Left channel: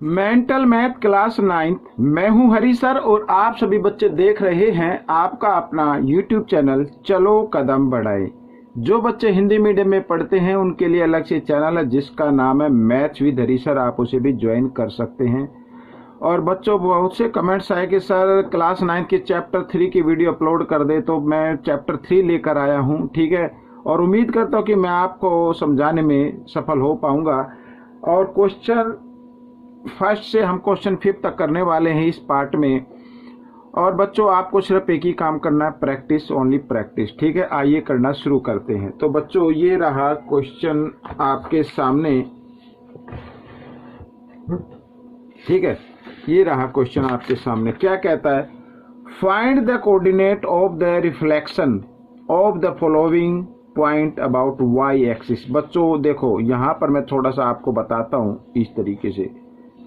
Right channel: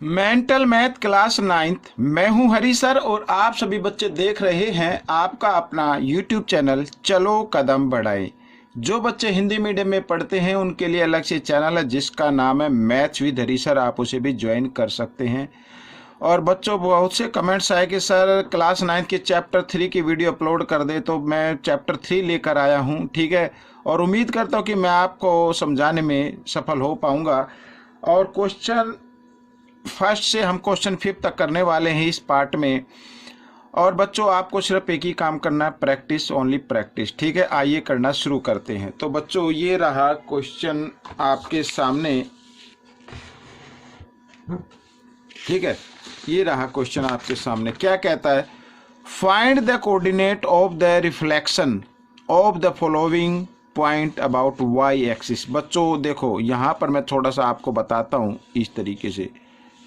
Mental math class 9th। मैं हूं हरी sir और आप सभी बच्चे देख रहे हैं आपका अपना यूट्यूब चैनल चलो कदम बढ़ाए। जो बच्चे हिंदी मीडियम में पढ़ते हैं उनके लिए अलग से चैनल है जिसका नाम है मैथ्स विद हरी सर, आप उसे भी ज्वाइन कर सकते हैं। और बच्चों बहुत से कमेंट्स आए कि सर क्लास 9th के चैप्टर 3 की वीडियो अपलोड कर दे, तो मैं चैप्टर 3 लेकर आया हूं, ठीक है। और उम्मीद करता हूं कि मैं आपको समझाने में सफल हो पाऊंगा। और क्वेश्चन फर्स्ट से हम क्वेश्चन 5 तक करने वाले हैं इस पार्ट में। और बच्चों आपको सिर्फ एक ही काम करना है, प्रैक्टिस, ओनली प्रैक्टिस, ठीक है। आइए करना शुरू करते हैं। तो बच्चों ये रहा क्वेश्चन आपके सामने, ठीक है। ये रहा क्वेश्चन आपके सामने। क्या कहता है? Find the coordinate of the reflection of the following point about Y axis. बच्चों देखो यहाँ पर मैं थोड़ा सा आपको बताता हूँ इस तरीके से।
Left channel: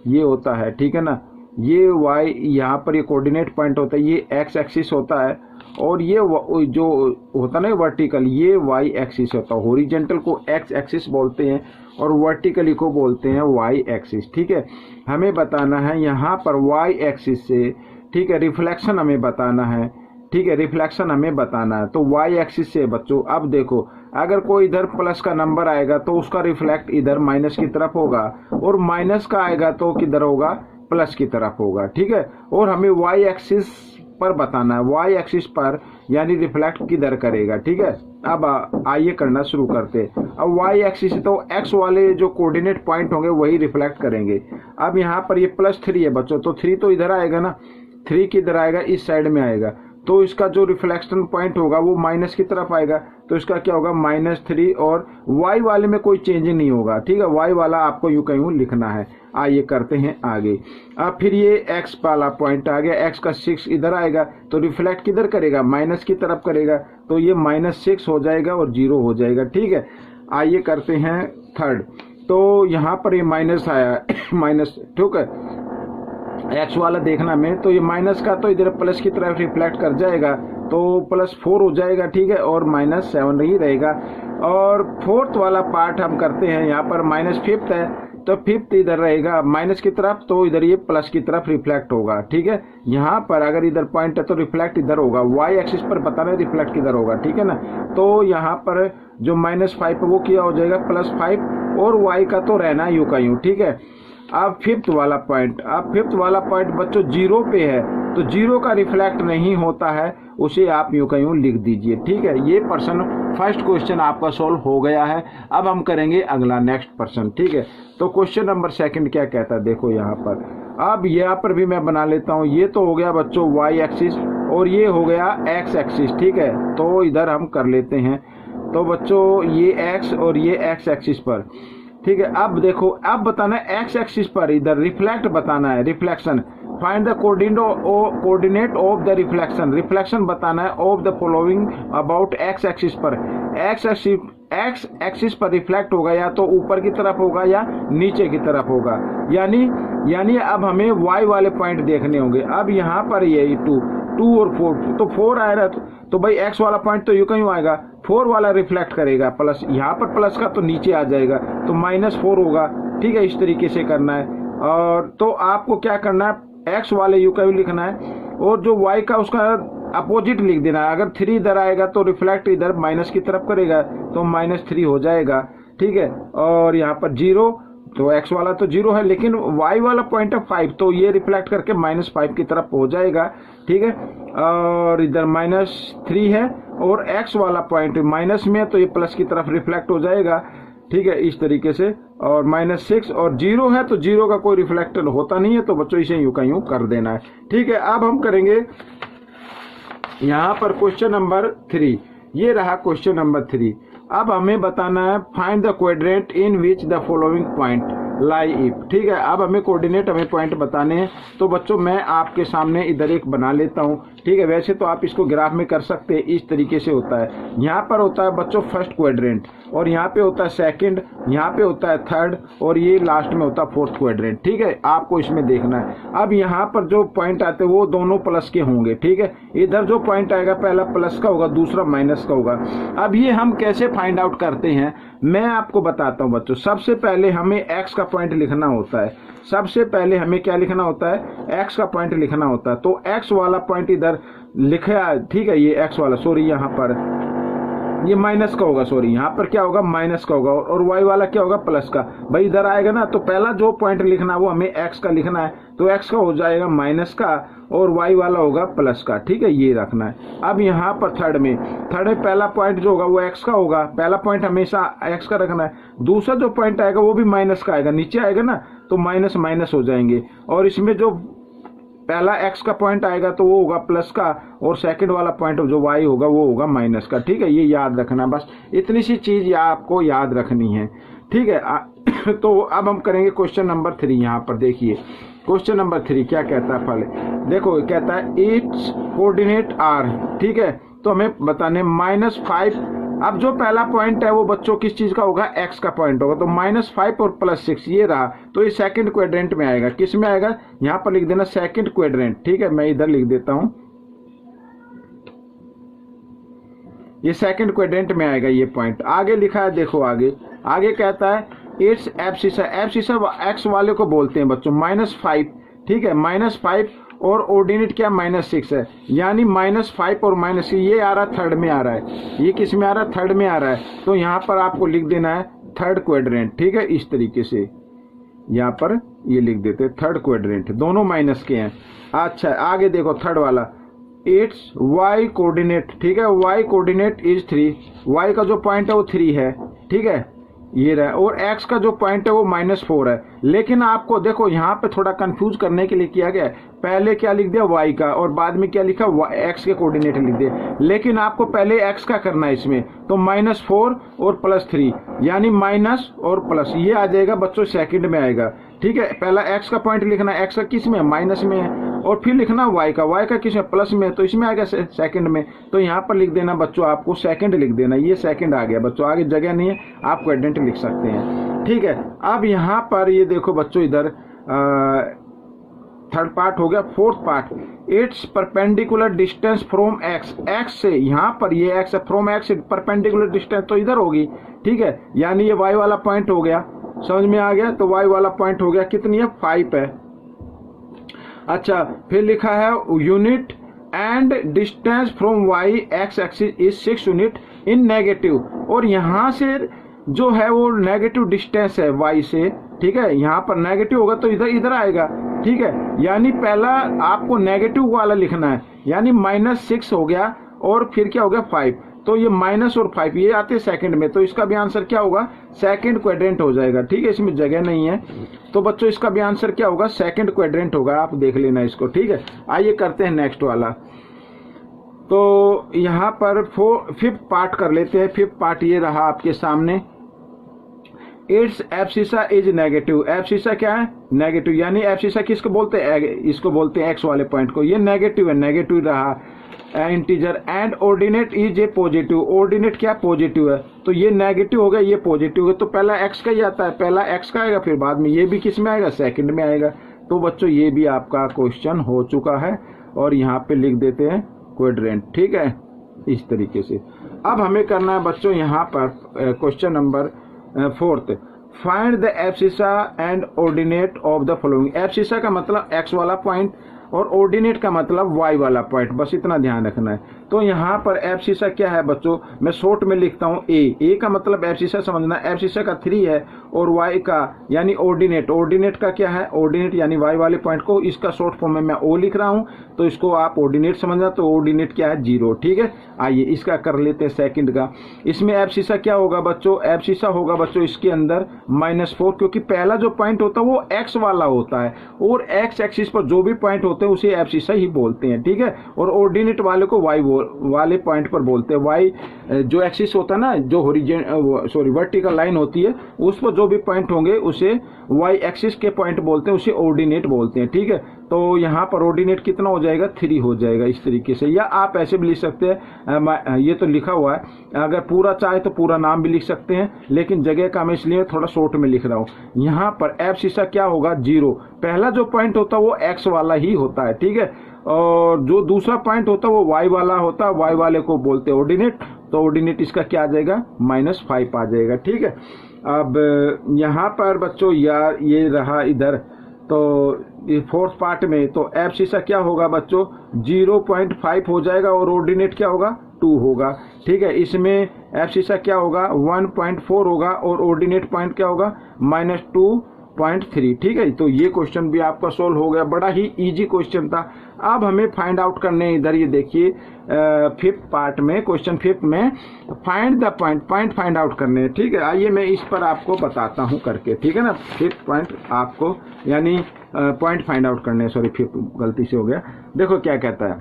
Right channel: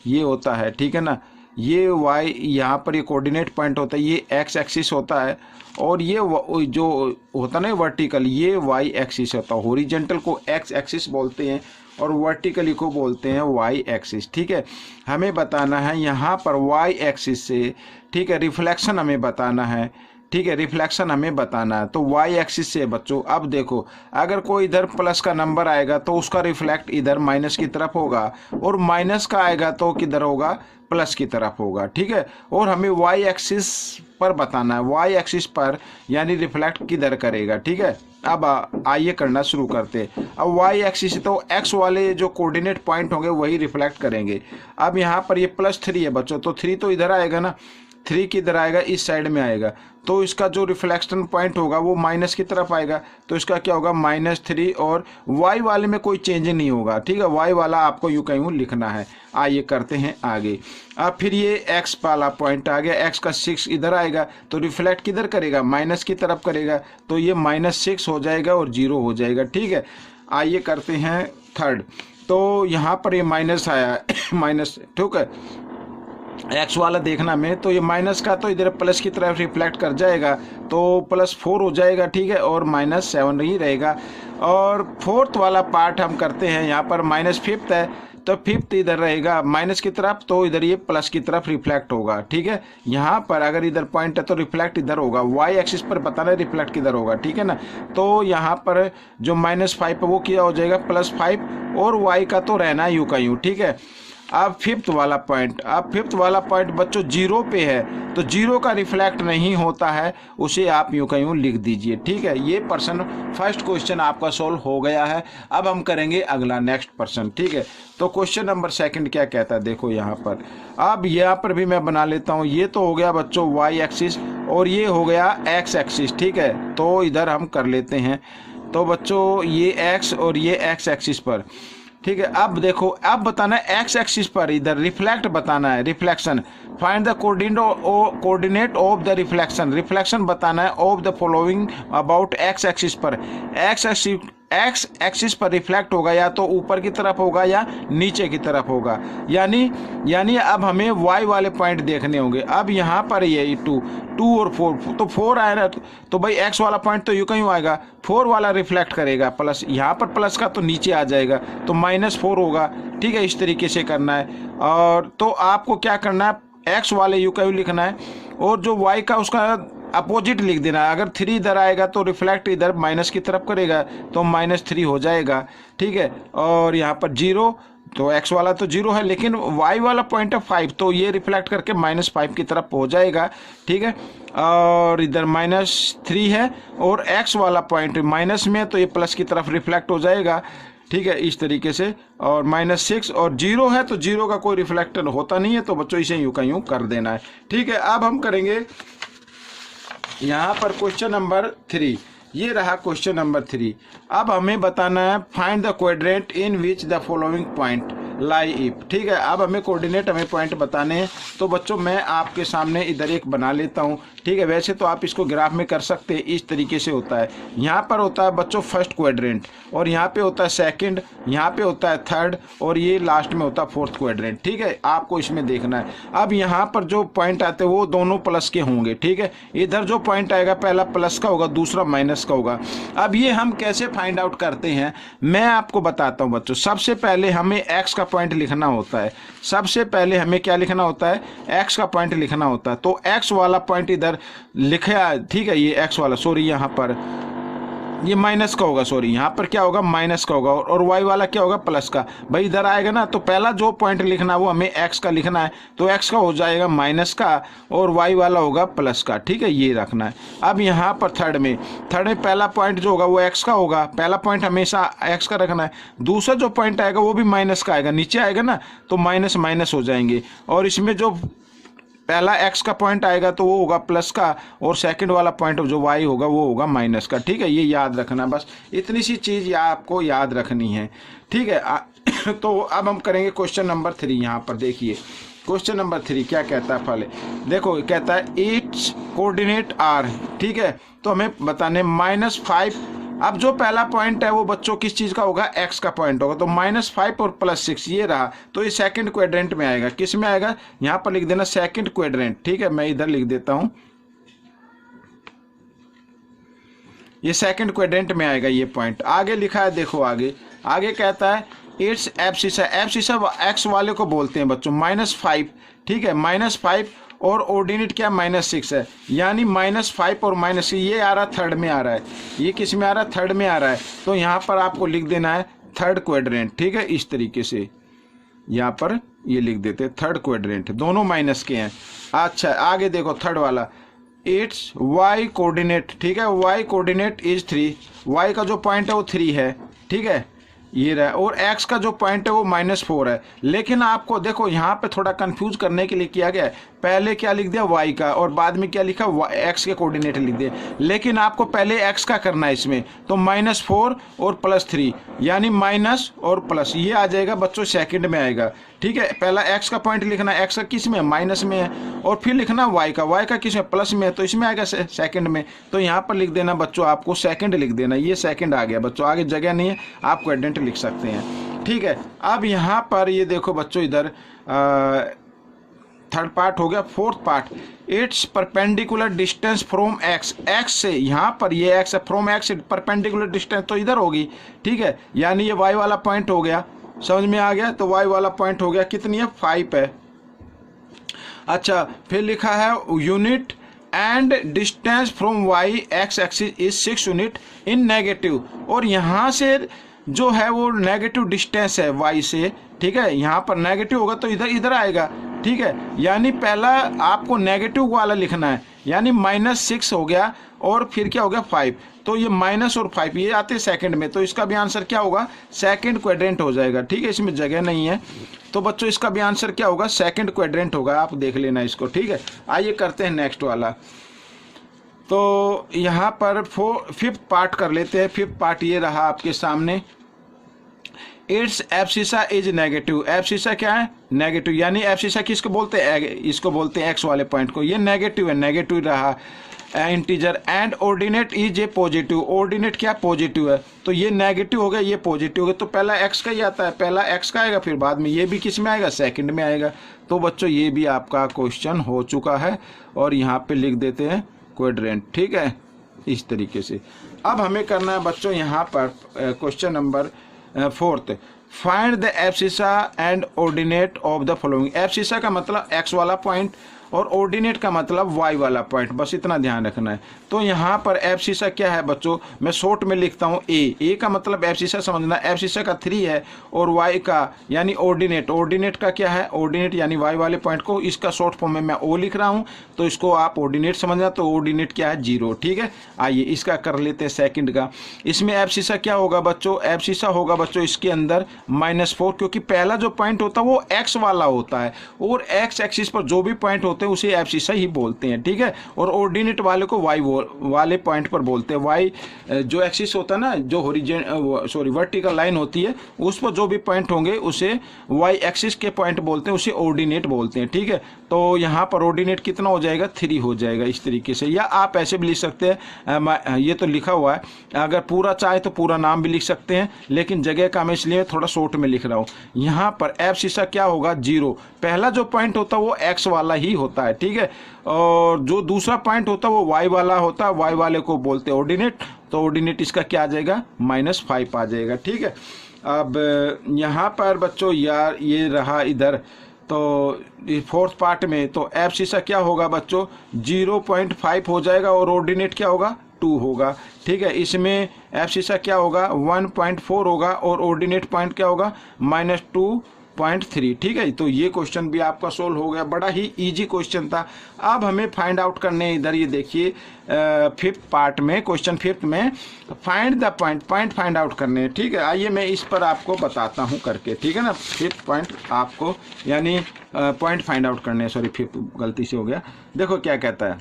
ये होता है, ठीक है ना, ये y यहाँ पर ये कोऑर्डिनेट पॉइंट होता है, ये x एक्सिस होता है, और ये जो होता है ना वर्टिकल, ये y एक्सिस होता है। हॉरिजॉन्टल को x एक्सिस बोलते हैं और वर्टिकली को बोलते हैं y एक्सिस, ठीक है। हमें बताना है यहाँ पर y एक्सिस से, ठीक है, रिफ्लेक्शन हमें बताना है, ठीक है, रिफ्लेक्शन हमें बताना है। तो y एक्सिस से बच्चों अब देखो, अगर कोई इधर प्लस का नंबर आएगा तो उसका रिफ्लेक्ट इधर माइनस की तरफ होगा, और माइनस का आएगा तो किधर होगा, प्लस की तरफ होगा, ठीक है। और हमें y एक्सिस पर बताना है, y एक्सिस पर यानी रिफ्लेक्ट किधर करेगा, ठीक है। अब आइए करना शुरू करते। अब y एक्सिस तो x वाले जो कोऑर्डिनेट पॉइंट होंगे वही रिफ्लेक्ट करेंगे। अब यहाँ पर ये +3 है बच्चों, तो 3 तो इधर आएगा ना, 3 किधर आएगा, इस साइड में आएगा, तो इसका जो रिफ्लेक्शन पॉइंट होगा वो माइनस की तरफ आएगा, तो इसका क्या होगा, -3। और y वाले में कोई चेंज नहीं होगा, ठीक है। y वाला आपको यूं कहीं लिखना है। आइए करते हैं आगे। अब फिर ये x वाला पॉइंट आ गया, x का 6 इधर आएगा, तो रिफ्लेक्ट किधर करेगा, माइनस की तरफ करेगा, तो ये -6 हो जाएगा और 0 हो जाएगा, ठीक है। आइए करते हैं थर्ड। तो यहाँ पर ये माइनस आया माइनस, ठीक है, एक्स वाला देखना में, तो ये माइनस का तो इधर प्लस की तरफ रिफ्लेक्ट कर जाएगा, तो +4 हो जाएगा, ठीक है, और -7 ही रहेगा। और फोर्थ वाला पार्ट हम करते हैं, यहाँ पर -5 है, तो 5 इधर रहेगा माइनस की तरफ, तो इधर ये प्लस की तरफ रिफ्लेक्ट होगा, ठीक है। यहाँ पर अगर इधर पॉइंट है तो रिफ्लेक्ट इधर होगा, y एक्सिस पर बताना है रिफ्लेक्ट किधर होगा, ठीक है ना। तो यहाँ पर जो -5 है वो क्या हो जाएगा, +5, और y का तो रहना यूं का यूं, ठीक है। अब फिफ्थ वाला पॉइंट बच्चों 0 पे है, तो 0 का रिफ्लेक्ट नहीं होता है, उसे आप यूं का यूं लिख दीजिए, ठीक है। ये फर्स्ट क्वेश्चन आपका सॉल्व हो गया है। अब हम करेंगे अगला नेक्स्ट पर्सन, ठीक है। तो क्वेश्चन नंबर 2 क्या कहता है, देखो यहाँ पर। अब यहाँ पर भी मैं बना लेता हूँ। ये तो हो गया बच्चों y एक्सिस, और ये हो गया x एक्सिस, ठीक है। तो इधर हम कर लेते हैं। तो बच्चों ये x और ये x एक्सिस पर, ठीक है। अब देखो, अब बताना है x एक्सिस पर इधर रिफ्लेक्ट बताना है, reflection. Find the coordinate of the reflection, reflection बताना है of the following about x axis पर। x एक्सिस पर रिफ्लेक्ट होगा या तो ऊपर की तरफ होगा या नीचे की तरफ होगा, यानी अब हमें y वाले पॉइंट देखने होंगे। अब यहाँ पर ये 2 और 4, तो 4 आया ना, तो भाई x वाला पॉइंट तो यूं कहीं आएगा, 4 वाला रिफ्लेक्ट करेगा, प्लस यहाँ पर प्लस का तो नीचे आ जाएगा, तो -4 होगा, ठीक है। इस तरीके से करना है। और तो आपको क्या करना है, x वाले यू का यू लिखना है, और जो y का उसका अपोजिट लिख देना है। अगर 3 इधर आएगा तो रिफ्लेक्ट इधर माइनस की तरफ करेगा, तो -3 हो जाएगा, ठीक है। और यहाँ पर 0, तो x वाला तो 0 है, लेकिन y वाला पॉइंट है 5, तो ये रिफ्लेक्ट करके -5 की तरफ हो जाएगा, ठीक है। और इधर -3 है, और x वाला पॉइंट माइनस में है, तो ये प्लस की तरफ रिफ्लेक्ट हो जाएगा, ठीक है, इस तरीके से। और -6 और 0 है, तो 0 का कोई रिफ्लेक्टर होता नहीं है, तो बच्चों इसे यूं का यूं कर देना है, ठीक है। अब हम करेंगे यहाँ पर क्वेश्चन नंबर 3। ये रहा क्वेश्चन नंबर 3। अब हमें बताना है find the coordinate in which the following point lie if, ठीक है। अब हमें कोऑर्डिनेट, हमें पॉइंट बताने हैं। तो बच्चों मैं आपके सामने इधर एक बना लेता हूँ, ठीक है। वैसे तो आप इसको ग्राफ में कर सकते हैं, इस तरीके से होता है। यहाँ पर होता है बच्चों फर्स्ट क्वाड्रेंट, और यहाँ पे होता है सेकंड, यहाँ पे होता है थर्ड, और ये लास्ट में होता है फोर्थ क्वाड्रेंट, ठीक है। आपको इसमें देखना है। अब यहाँ पर जो पॉइंट आते हैं वो दोनों प्लस के होंगे, ठीक है। इधर जो पॉइंट आएगा पहला प्लस का होगा, दूसरा माइनस का होगा। अब ये हम कैसे फाइंड आउट करते हैं, मैं आपको बताता हूँ बच्चों। सबसे पहले हमें x का पॉइंट लिखना होता है, सबसे पहले हमें क्या लिखना होता है, x का पॉइंट लिखना होता है। तो x वाला पॉइंट इधर लिखा, ठीक है, ये x वाला, सॉरी यहाँ पर ये माइनस का होगा, सॉरी यहाँ पर क्या होगा, माइनस का होगा, और y वाला क्या होगा, प्लस का। भाई इधर आएगा ना, तो पहला जो पॉइंट लिखना है वो हमें x का लिखना है, तो x का हो जाएगा माइनस का और y वाला होगा प्लस का, ठीक है, ये रखना है। अब यहाँ पर थर्ड में पहला पॉइंट जो होगा वो x का होगा, पहला पॉइंट हमेशा x का रखना है। दूसरा जो पॉइंट आएगा वो भी माइनस का आएगा, नीचे आएगा ना तो माइनस माइनस हो जाएंगे, और इसमें जो पहला x का पॉइंट आएगा तो वो होगा प्लस का, और सेकंड वाला पॉइंट जो y होगा वो होगा माइनस का, ठीक है, ये याद रखना, बस इतनी सी चीज़ आपको याद रखनी है, ठीक है। तो अब हम करेंगे क्वेश्चन नंबर 3। यहाँ पर देखिए क्वेश्चन नंबर 3 क्या कहता है, पहले देखो कहता है इट्स कोऑर्डिनेट आर, ठीक है, तो हमें बताने -5। अब जो पहला पॉइंट है वो बच्चों किस चीज़ का होगा, x का पॉइंट होगा, तो -5 और +6 ये रहा, तो ये सेकंड क्वाड्रेंट में आएगा। किस में आएगा, यहाँ पर लिख देना सेकंड क्वाड्रेंट, ठीक है, मैं इधर लिख देता हूँ, ये सेकंड क्वाड्रेंट में आएगा ये पॉइंट। आगे लिखा है, देखो आगे कहता है इट्स एब्सिसा, एब्सिसा x वाले को बोलते हैं बच्चों -5, ठीक है, -5 और ऑर्डिनेट क्या -6 है, यानी -5 और -6 ये आ रहा है थर्ड में आ रहा है, ये किस में आ रहा है, थर्ड में आ रहा है, तो यहाँ पर आपको लिख देना है थर्ड क्वाड्रेंट, ठीक है, इस तरीके से यहाँ पर ये लिख देते हैं थर्ड क्वाड्रेंट, दोनों माइनस के हैं। अच्छा आगे देखो थर्ड वाला इट्स y कोऑर्डिनेट, ठीक है, y कोऑर्डिनेट इज 3, y का जो पॉइंट है वो 3 है, ठीक है, ये रहा, और x का जो पॉइंट है वो -4 है। लेकिन आपको देखो यहाँ पे थोड़ा कंफ्यूज करने के लिए किया गया है, पहले क्या लिख दिया y का और बाद में क्या लिखा x के कोऑर्डिनेट लिख दिए, लेकिन आपको पहले x का करना है इसमें, तो -4 और +3 यानी माइनस और प्लस, ये आ जाएगा बच्चों सेकंड में आएगा, ठीक है। पहला x का पॉइंट लिखना है, x का किस में है, माइनस में है, और फिर लिखना y का किस में, प्लस में है, तो इसमें आएगा सेकंड में, तो यहाँ पर लिख देना बच्चों, आपको सेकंड लिख देना, ये सेकंड आ गया बच्चों, आगे जगह नहीं है, आप क्वाड्रेंट लिख सकते हैं, ठीक है। अब यहाँ पर ये देखो बच्चों, इधर थर्ड पार्ट हो गया, fourth part it's perpendicular distance from x से, यहाँ पर ये x है, फ्रॉम x से परपेंडिकुलर डिस्टेंस तो इधर होगी, ठीक है, यानी ये y वाला पॉइंट हो गया, समझ में आ गया, तो y वाला पॉइंट हो गया, कितनी है, 5 है। अच्छा फिर लिखा है unit and distance from y x axis is 6 unit in negative, और यहाँ से जो है वो नेगेटिव डिस्टेंस है y से, ठीक है, यहाँ पर नेगेटिव होगा तो इधर आएगा, ठीक है, यानी पहला आपको नेगेटिव वाला लिखना है, यानी -6 हो गया और फिर क्या हो गया 5, तो ये माइनस और 5 ये आते हैं सेकंड में, तो इसका भी आंसर क्या होगा, सेकंड क्वाड्रेंट हो जाएगा, ठीक है, इसमें जगह नहीं है, तो बच्चों इसका भी आंसर क्या होगा, सेकंड क्वाड्रेंट होगा, आप देख लेना इसको, ठीक है। आइए करते हैं नेक्स्ट वाला, तो यहाँ पर फिफ्थ पार्ट कर लेते हैं। फिफ्थ पार्ट ये रहा आपके सामने, it's abscissa is negative, abscissa क्या है, नेगेटिव, यानी एब्सिसा किसको बोलते हैं, इसको बोलते हैं एक्स वाले पॉइंट को, ये नेगेटिव है, नेगेटिव रहा integer, and ordinate is a positive, ordinate क्या पॉजिटिव है, तो ये नेगेटिव हो गया, ये पॉजिटिव हो गया, तो पहला एक्स का ही आता है, पहला एक्स का आएगा, फिर बाद में ये भी किस में आएगा, सेकंड में आएगा। तो बच्चों ये भी आपका क्वेश्चन हो चुका है, और यहाँ पे लिख देते हैं क्वाड्रेंट, ठीक है, इस तरीके से। अब हमें करना है बच्चों यहाँ पर question number 4, find the abscissa and ordinate of the following. Abscissa का मतलब एक्स वाला पॉइंट और ऑर्डिनेट का मतलब वाई वाला पॉइंट, बस इतना ध्यान रखना है। तो यहाँ पर एब्सिसा क्या है बच्चों, मैं शॉर्ट में लिखता हूँ ए का मतलब एब्सिसा समझना, एब्सिसा का 3 है, और वाई का यानी ऑर्डिनेट का क्या है, ऑर्डिनेट यानी वाई वाले पॉइंट को, इसका शॉर्ट फॉर्म में मैं ओ लिख रहा हूँ, तो इसको आप ऑर्डिनेट समझना, तो ऑर्डिनेट क्या है 0, ठीक है। आइए इसका कर लेते हैं सेकंड का। इसमें एब्सिसा क्या होगा बच्चों, एब्सिसा होगा बच्चों इसके अंदर -4, क्योंकि पहला जो पॉइंट होता है वो एक्स वाला होता है, और एक्स एक्सिस पर जो भी पॉइंट होते हैं उसे एब्सिसा ही बोलते हैं, ठीक है। और ऑर्डिनेट वाले को वाई वाले पॉइंट पर बोलते हैं। वाई जो एक्सिस होता है ना, जो वर्टिकल लाइन होती है, उस पर जो भी पॉइंट होंगे उसे वाई एक्सिस के पॉइंट बोलते हैं, उसे ऑर्डिनेट बोलते हैं, ठीक है। तो यहाँ पर ऑर्डिनेट कितना हो जाएगा, 3 हो जाएगा इस तरीके से, या आप ऐसे भी लिख सकते हैं, ये तो लिखा हुआ है, अगर पूरा चाहे तो पूरा नाम भी लिख सकते हैं, लेकिन जगह का मैं इसलिए थोड़ा शॉर्ट में लिख रहा हूँ। यहाँ पर एब्सिसा क्या होगा 0, पहला जो पॉइंट होता है वो एक्स वाला ही होता है, ठीक है, और जो दूसरा पॉइंट होता है वो वाई वाला होता है, वाई वाले को बोलते हैं ऑर्डिनेट, तो ऑर्डिनेट इसका क्या आ जाएगा, -5 आ जाएगा, ठीक है। अब यहाँ पर बच्चों यार ये रहा इधर, तो फोर्थ पार्ट में तो एब्सिसा क्या होगा बच्चों 0.5 हो जाएगा और ऑर्डिनेट क्या होगा 2 होगा। ठीक है, इसमें एब्सिसा क्या होगा 1.4 होगा और ऑर्डिनेट पॉइंट क्या होगा -2.3। ठीक है, तो ये क्वेश्चन भी आपका सोल्व हो गया, बड़ा ही इजी क्वेश्चन था। अब हमें फाइंड आउट करने इधर ये देखिए फिफ्थ पार्ट में, क्वेश्चन फिफ्थ में find the point find out करने। ठीक है, आइए मैं इस पर आपको बताता हूँ करके। ठीक है ना, फिफ्थ पॉइंट आपको यानी पॉइंट फाइंड आउट करने, सॉरी फिफ्थ गलती से हो गया। देखो क्या कहता है,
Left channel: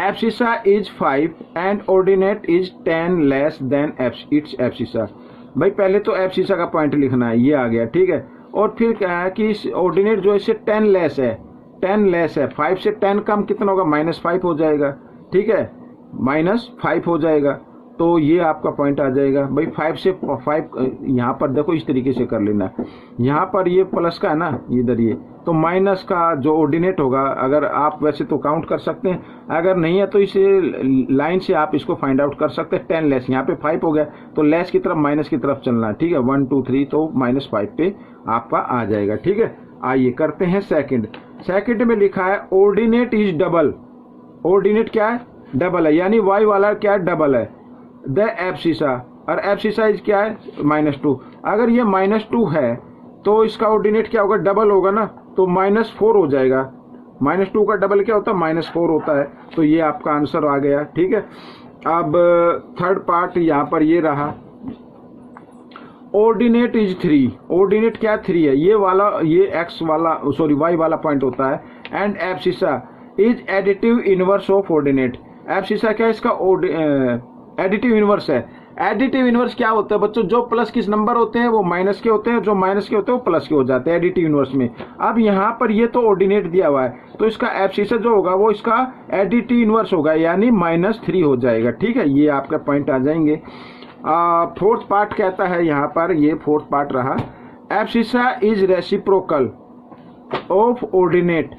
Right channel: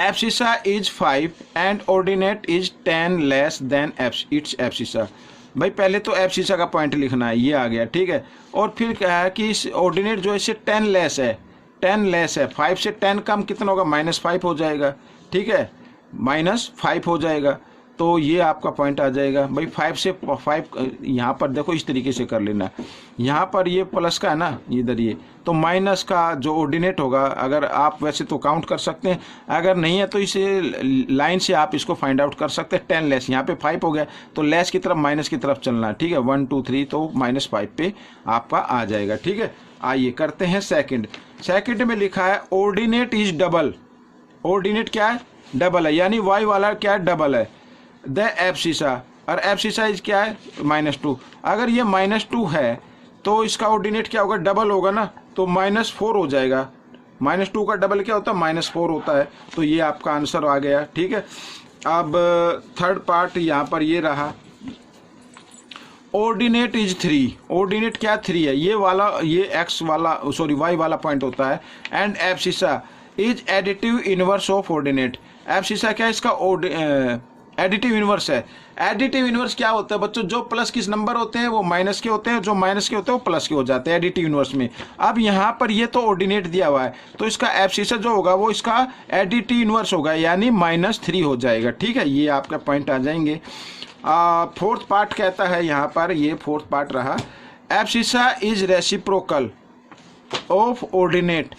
abscissa is 5 and ordinate is 10 less than it's abscissa. भाई पहले तो एब्सिसा का पॉइंट लिखना है, ये आ गया। ठीक है, और फिर क्या है कि इस ऑर्डिनेट जो है इससे 10 लेस है, 10 लेस है, 5 से 10 कम कितना होगा -5 हो जाएगा। ठीक है, -5 हो जाएगा, तो ये आपका पॉइंट आ जाएगा। भाई 5 से 5 यहाँ पर देखो इस तरीके से कर लेना, यहाँ पर ये प्लस का है ना इधर ये, तो माइनस का जो ऑर्डिनेट होगा, अगर आप वैसे तो काउंट कर सकते हैं, अगर नहीं है तो इसे लाइन से आप इसको फाइंड आउट कर सकते हैं। 10 लेस, यहाँ पे 5 हो गया तो लेस की तरफ माइनस की तरफ चलना। ठीक है, 1 2 3 तो -5 पे आपका आ जाएगा। ठीक है, आइए करते हैं सेकंड में लिखा है ऑर्डिनेट इज डबल। ऑर्डिनेट क्या है डबल है, यानी y वाला क्या है डबल है द एब्सिसा, और एब्सिसा इज क्या है -2। अगर ये -2 है तो इसका ऑर्डिनेट क्या होगा डबल होगा ना, तो -4 हो जाएगा। -2 का डबल क्या होता है -4 होता है, तो ये आपका आंसर आ गया। ठीक है, अब थर्ड पार्ट यहाँ पर ये रहा, ऑर्डिनेट इज 3। ऑर्डिनेट क्या 3 है, ये वाला ये x वाला सॉरी y वाला पॉइंट होता है। And abscissa is additive inverse of ordinate. Abscissa क्या है इसका एडिटिव इनवर्स है। एडिटिव इनवर्स क्या होता है बच्चों, जो प्लस किस नंबर होते हैं वो माइनस के होते हैं, जो माइनस के होते हैं वो प्लस के हो जाते हैं एडिटिव इनवर्स में। अब यहाँ पर ये तो ऑर्डिनेट दिया हुआ है, तो इसका एब्सिसा जो होगा वो इसका एडिटिव इनवर्स होगा, यानी -3 हो जाएगा। ठीक है, ये आपका पॉइंट आ जाएंगे। फोर्थ पार्ट कहता है यहाँ पर, ये फोर्थ पार्ट रहा, abscissa is reciprocal of ordinate.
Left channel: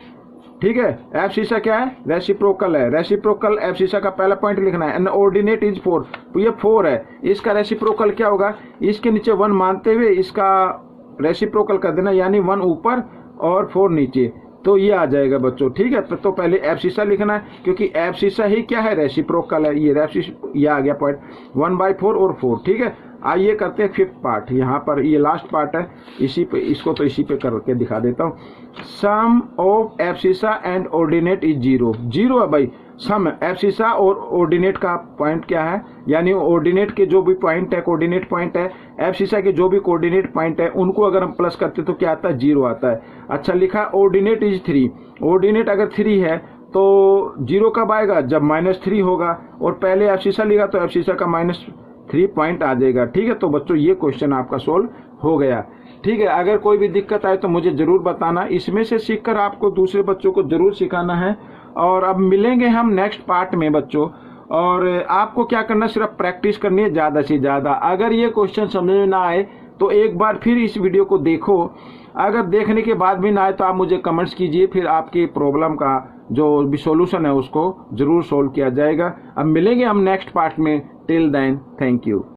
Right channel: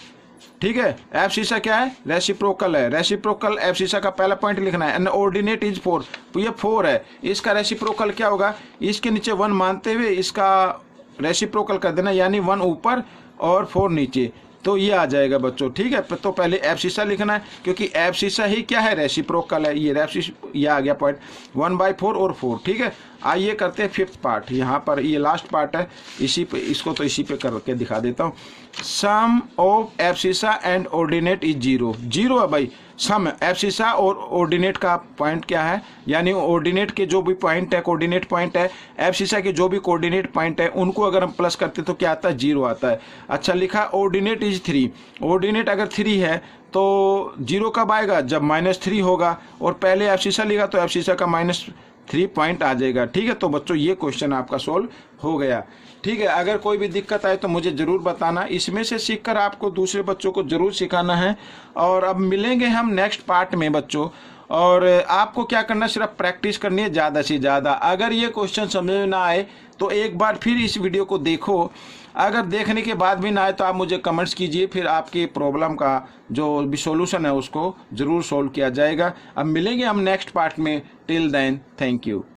ठीक है, एब्सिसा क्या है रेसिप्रोकल है। रेसिप्रोकल एब्सिसा का पहला पॉइंट लिखना है। एंड ऑर्डिनेट इज 4, तो ये 4 है, इसका रेसिप्रोकल क्या होगा, इसके नीचे 1 मानते हुए इसका रेसिप्रोकल कर देना, यानी 1 ऊपर और 4 नीचे, तो ये आ जाएगा बच्चों। ठीक है, तो पहले एब्सिसा लिखना है क्योंकि एब्सिसा ही क्या है रेसिप्रोकल है। ये आ गया पॉइंट 1/4 और 4। ठीक है, आइए करते हैं फिफ्थ पार्ट। यहाँ पर ये लास्ट पार्ट है, इसी पे इसको तो इसी पे करके दिखा देता हूँ। Sum of abscissa and ordinate is 0 है भाई। सम एब्सिसा और ऑर्डिनेट का पॉइंट क्या है, यानी ऑर्डिनेट के जो भी पॉइंट है कोऑर्डिनेट पॉइंट है, एब्सिसा के जो भी कोऑर्डिनेट पॉइंट है, उनको अगर हम प्लस करते तो क्या आता है 0 आता है। अच्छा लिखा ऑर्डिनेट इज 3। ऑर्डिनेट अगर 3 है तो 0 कब आएगा, जब -3 होगा, और पहले एब्सिसा लिखा तो एब्सिसा का -3 पॉइंट आ जाएगा। ठीक है, तो बच्चों ये क्वेश्चन आपका सोल्व हो गया। ठीक है, अगर कोई भी दिक्कत आए तो मुझे ज़रूर बताना, इसमें से सीखकर आपको दूसरे बच्चों को ज़रूर सिखाना है। और अब मिलेंगे हम नेक्स्ट पार्ट में बच्चों, और आपको क्या करना, सिर्फ प्रैक्टिस करनी है ज़्यादा से ज़्यादा। अगर ये क्वेश्चन समझ में ना आए तो एक बार फिर इस वीडियो को देखो, अगर देखने के बाद भी ना आए तो आप मुझे कमेंट्स कीजिए, फिर आपकी प्रॉब्लम का जो भी सॉल्यूशन है उसको ज़रूर सोल्व किया जाएगा। अब मिलेंगे हम नेक्स्ट पार्ट में, टिल देन थैंक यू।